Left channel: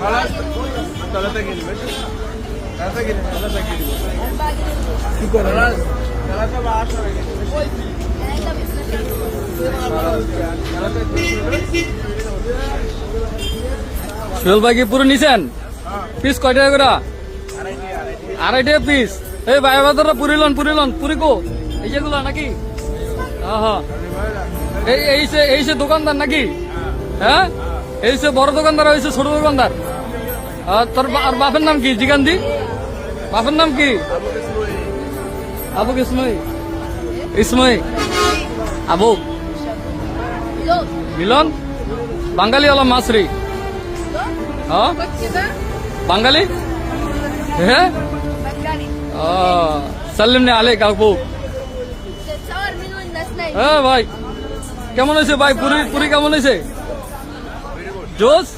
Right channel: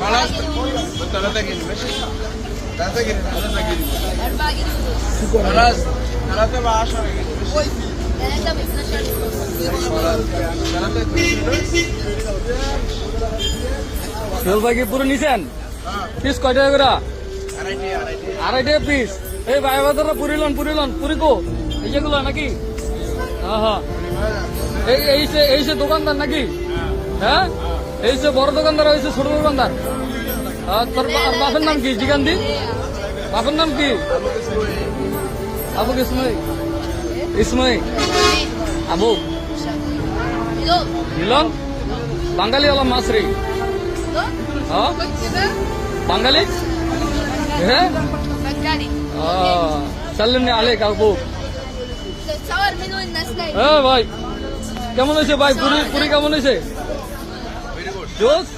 خلاص ثلاثة جنيه ماشي 3 جنيه 3 جنيه 4 جنيه خلاص 3 ب 10 جنيه ماشي 3 ب 12 خلاص 3 12 সোহেল ভাই কি পুরো নিছেন পিস কয় টাকা করে আড়াই টাকা পিস এই ভাই বাজারটা পুরিলন পুরি কো এই যেগুলো নাকি হ্যাঁ হ্যাঁ এই সে দোকানদার নাকি হ্যাঁ এই সে বড় দোকানদার হয়েছে ছোট দোকানদার তোর বাপের নাম কি জিগান্দি বাপের নাম কি আবু ইসমই আবু মিলন বাঙালি হলো মাসরি হ্যাঁ বাঙালি হ্যাঁ بكاري সাল্লিমনি আলাইক আবু تصور منو الناس نايم হ্যাঁ ভাই কেমন হয়েছে ভাই পুরি কেমন হয়েছে জোস